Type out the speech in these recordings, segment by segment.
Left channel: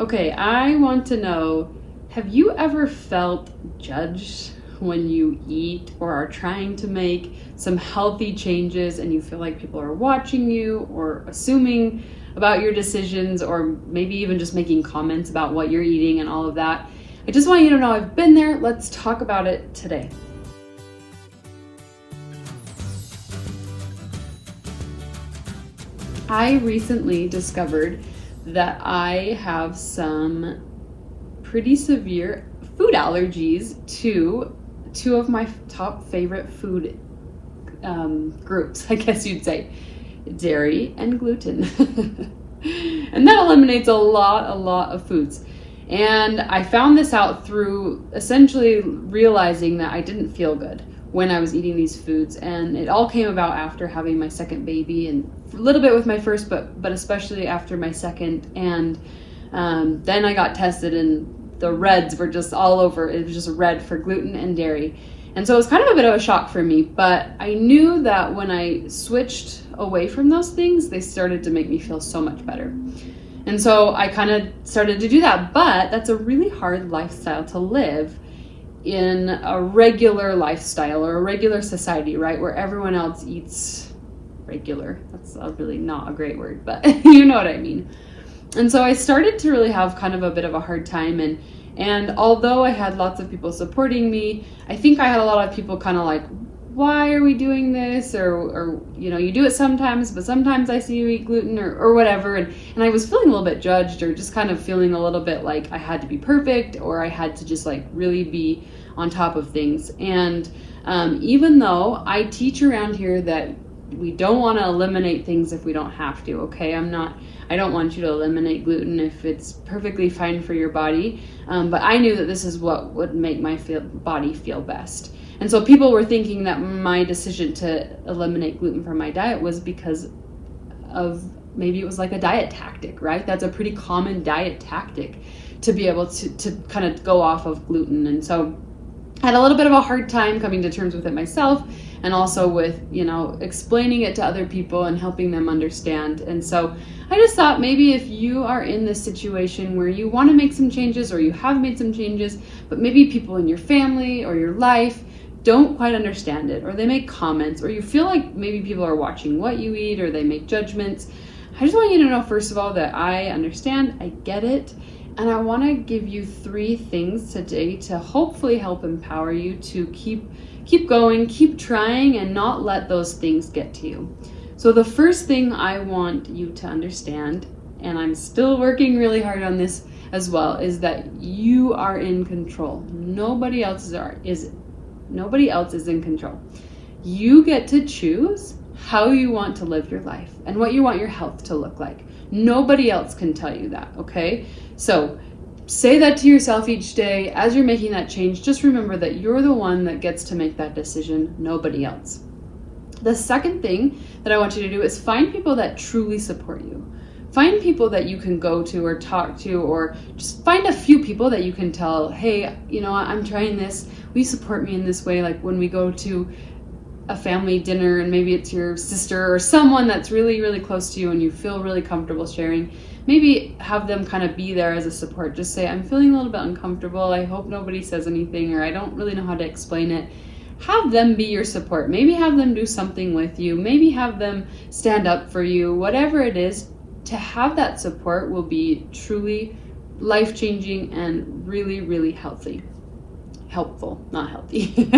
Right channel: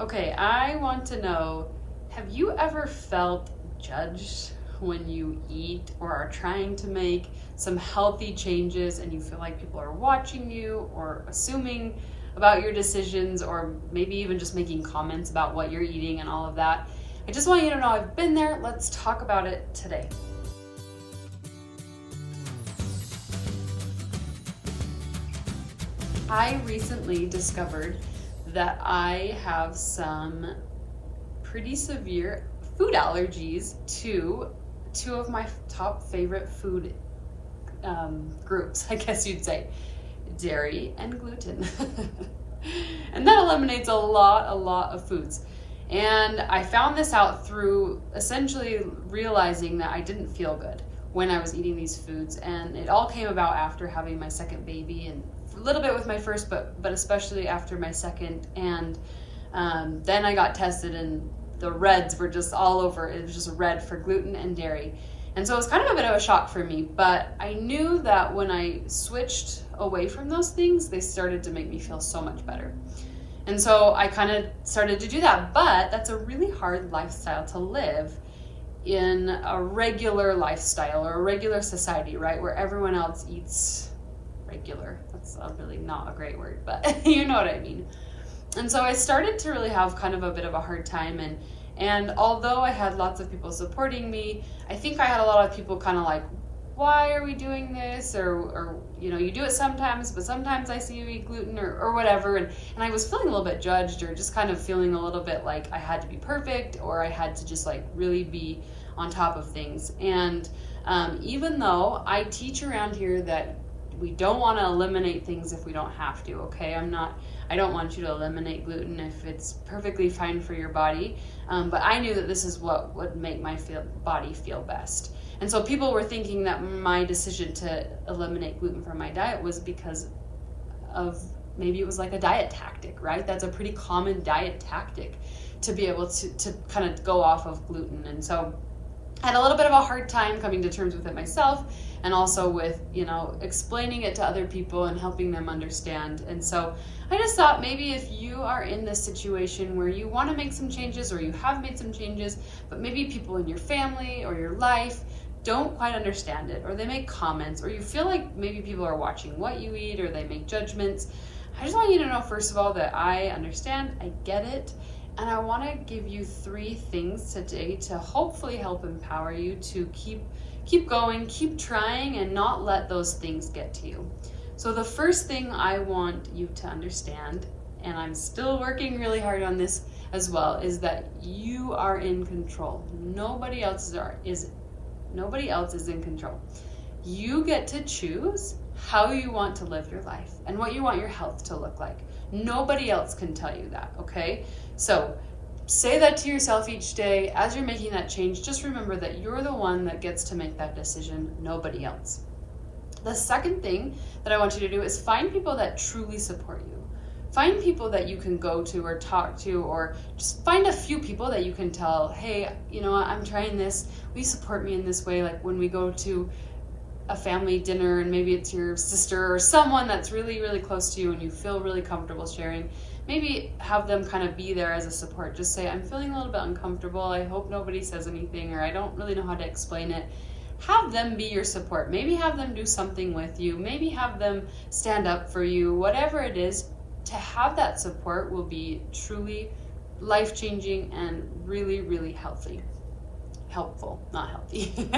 Okay, I want to know, have you ever felt judged when you eat or are trying to make some healthy changes and you feel like people are watching you or assuming about your decisions or maybe even just making comments about what you're eating and all of that? I just want you to know I've been there. Let's talk about it today. I recently discovered that I have some pretty severe food allergies to two of my top favorite food groups, I guess you'd say, dairy and gluten. And that eliminates a lot of foods. And I found this out through essentially realizing that I didn't feel good when I was eating these foods. And it all came about after having my second baby, and a little bit with my first, but especially after my second. And then I got tested and the reds were just all over. It was just red for gluten and dairy. And so it was kind of a bit of a shock for me, but I knew that when I switched away from those things, they started to make me feel so much better. And so I kind of started to do that, but that's a really hard lifestyle to live in a regular lifestyle or a regular society, right? Where everyone else eats regular. That's really not a great word, but you know what I mean. And so I started to really have kind of a bit of a hard time, and although I had lots of people supporting me, I think I had a lot of people kind of like, why are we doing this? Or you do it sometimes, but sometimes I see you eat gluten or whatever. And I was feeling a little bit judged, or just kind of feeling a little bit like I had to be perfect, or I had to just like really be on top of things. And even though I teach around here that we don't want to eliminate things if we don't have to, okay? I don't want you to eliminate gluten if it's perfectly fine for your body. But I knew that this is what would make my body feel best. And so people were thinking that my decision to eliminate gluten from my diet was because of, maybe it was like a diet tactic, right? That's a pretty common diet tactic, to be able to kind of go off of gluten. And so I had a little bit of a hard time coming to terms with it myself, and also with, explaining it to other people and helping them understand. And so I just thought, maybe if you are in this situation where you want to make some changes, or you have made some changes, but maybe people in your family or your life don't quite understand it, or they make comments, or you feel like maybe people are watching what you eat, or they make judgments, I just want you to know, first of all, that I understand, I get it. And I want to give you 3 things today to hopefully help empower you to keep going, keep trying, and not let those things get to you. So the first thing I want you to understand, and I'm still working really hard on this as well, is that you are in control. Nobody else is in control. You get to choose how you want to live your life and what you want your health to look like. Nobody else can tell you that, okay? So say that to yourself each day as you're making that change. Just remember that you're the one that gets to make that decision, nobody else. The second thing that I want you to do is find people that truly support you. Find people that you can go to or talk to, or just find a few people that you can tell, hey, I'm trying this. Will you support me in this way? Like when we go to a family dinner, and maybe it's your sister or someone that's really, really close to you and you feel really comfortable sharing, maybe have them kind of be there as a support. Just say, I'm feeling a little bit uncomfortable. I hope nobody says anything, or I don't really know how to explain it. Have them be your support. Maybe have them do something with you. Maybe have them stand up for you. Whatever it is, to have that support will be truly life-changing and really, really helpful, not healthy.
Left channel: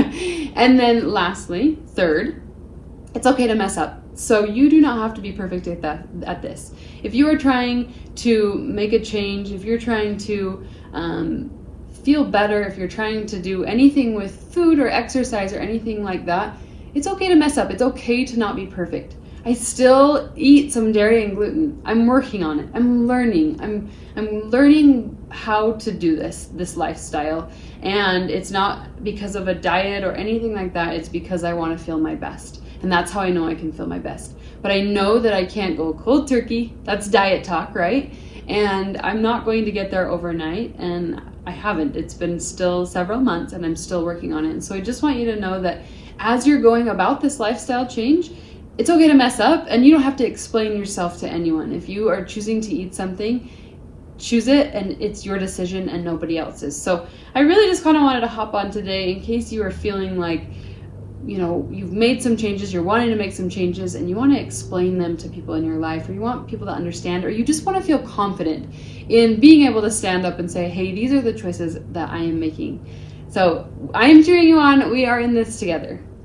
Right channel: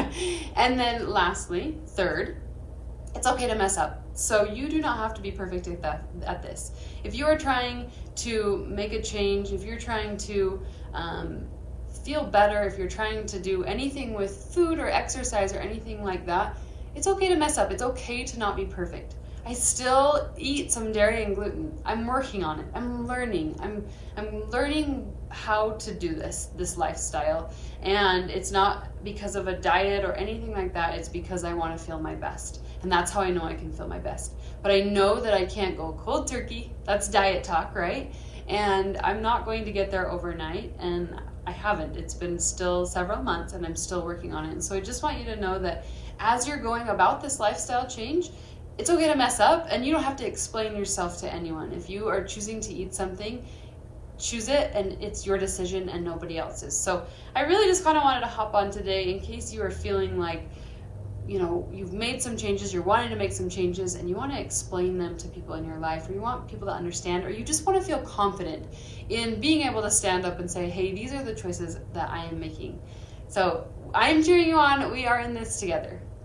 And then lastly, third, it's okay to mess up. So you do not have to be perfect at this. If you are trying to make a change, if you're trying to feel better, if you're trying to do anything with food or exercise or anything like that, it's okay to mess up. It's okay to not be perfect. I still eat some dairy and gluten. I'm working on it. I'm learning. I'm learning how to do this lifestyle. And it's not because of a diet or anything like that. It's because I want to feel my best. And that's how I know I can feel my best. But I know that I can't go cold turkey. That's diet talk, right? And I'm not going to get there overnight. And I haven't. It's been still several months and I'm still working on it. And so I just want you to know that as you're going about this lifestyle change, it's okay to mess up, and you don't have to explain yourself to anyone. If you are choosing to eat something, choose it, and it's your decision and nobody else's. So I really just kind of wanted to hop on today in case you are feeling like, you know, you've made some changes, you're wanting to make some changes, and you want to explain them to people in your life, or you want people to understand, or you just want to feel confident in being able to stand up and say, hey, these are the choices that I am making. So I am cheering you on. We are in this together.